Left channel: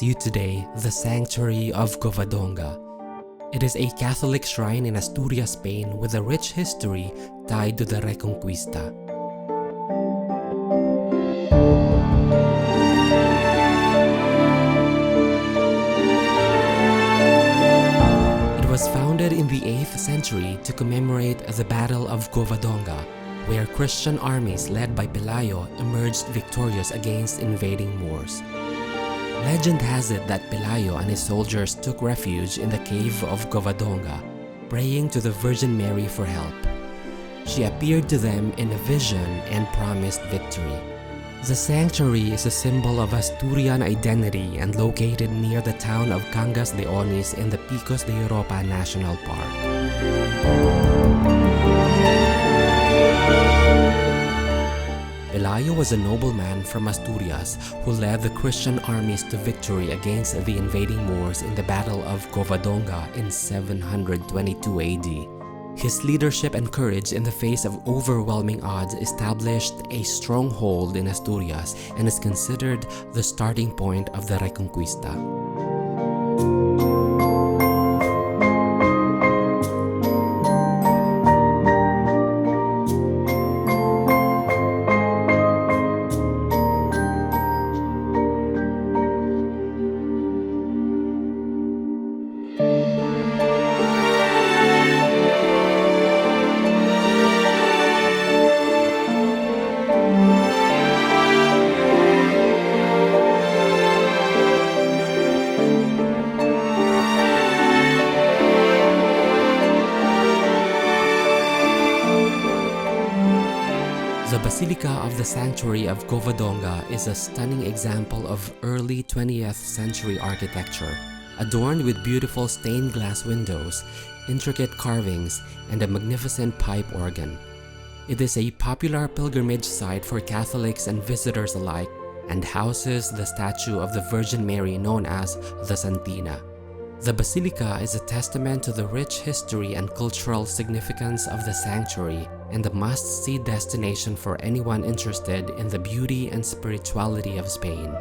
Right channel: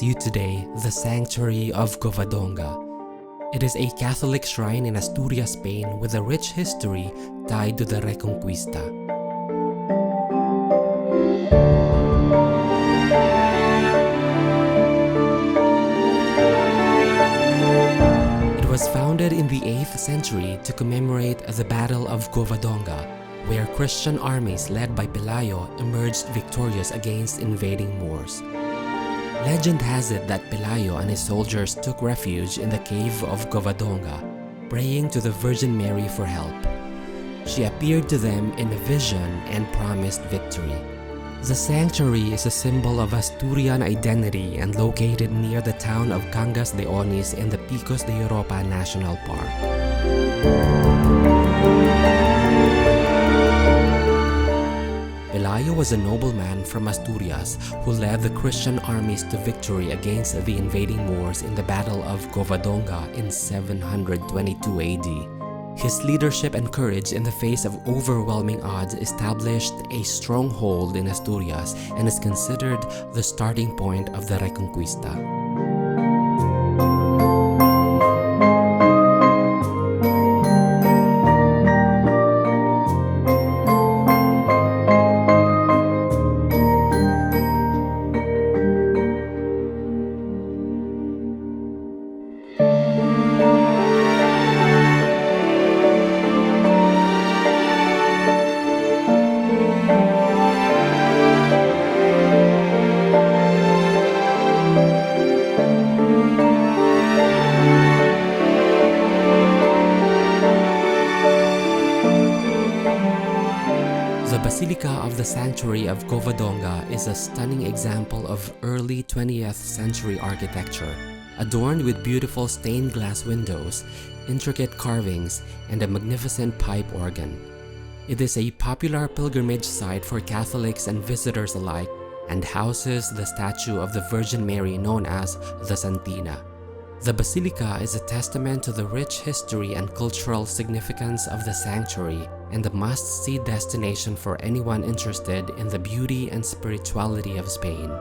offers you today the Sanctuary of Covadonga. It is a Catholic shrine in Asturias, Spain with a rich history tied to the Reconquista. It was founded in the 8th century to commemorate the Battle of Covadonga, where Christian armies led by Pelayo emerged victorious against invading Moors. Legend has it that Pelayo and his soldiers took refuge in the cave of Covadonga, praying to the Virgin Mary for help. She appeared to them in a vision and promised victory. The sanctuary is a symbol of Asturian identity and located near the town of Cangas de Onis in the Picos de Europa National Park. Pelayo was a nobleman from Asturias who led the Christian armies to victory against the invading Moors in the Battle of Covadonga in 722 AD. His leadership and courage in the face of overwhelming odds established a stronghold in Asturias and is considered the starting point of the Reconquista. The Basilica of the Sanctuary of Covadonga is a stunning example of early 20th century architecture, adorned with beautiful stained glass windows, intricate carvings, and a magnificent pipe organ. It is a popular pilgrimage site for Catholics and visitors alike and houses the statue of the Virgin Mary known as the Santina. The Basilica is a testament to the rich history and cultural significance of the sanctuary and a must-see destination for anyone interested in the beauty and spirituality of Spain.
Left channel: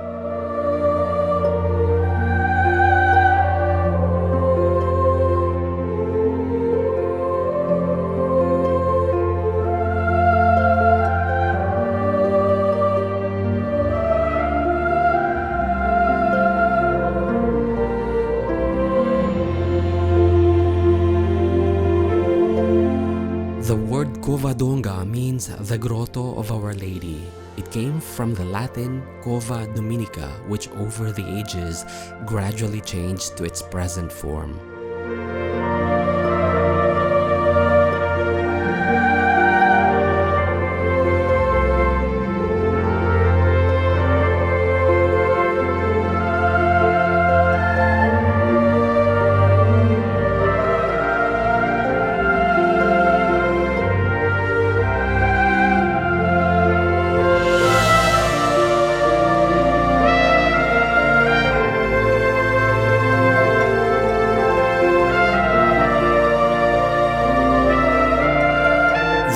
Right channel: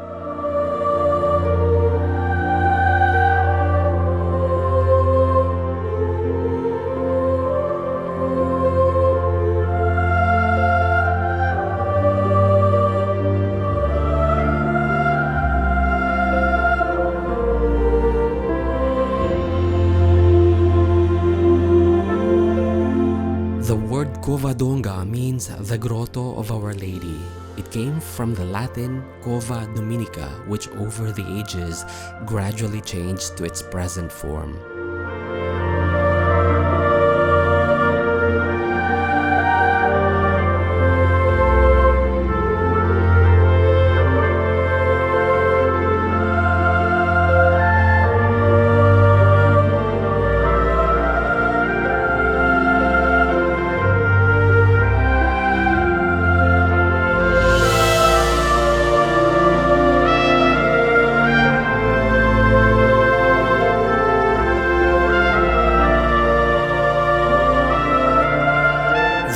The word Covadonga means the Grotto of Our Lady. It came from the Latin Cova Dominica, which over the ages gradually changed to its present form.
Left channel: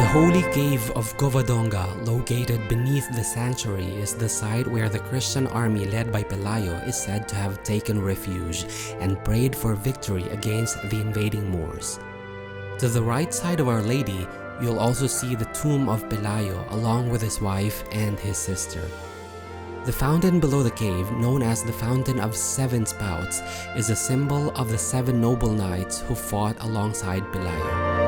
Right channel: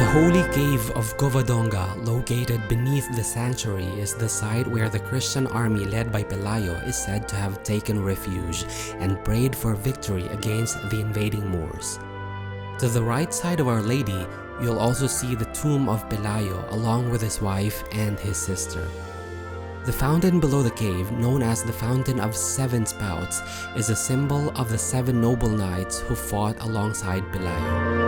The Holy Cave of Covadonga, located beneath the sanctuary, is the site where the Christian army led by Pelayo is said to have taken refuge and prayed for victory against the invading Moors. To the right side of Our Lady, you'll also see the tomb of Pelayo along with his wife and his sister. The fountain below the cave, known as the Fountain of Seven Spouts, is a symbol of the 7 noble knights who fought alongside Pelayo.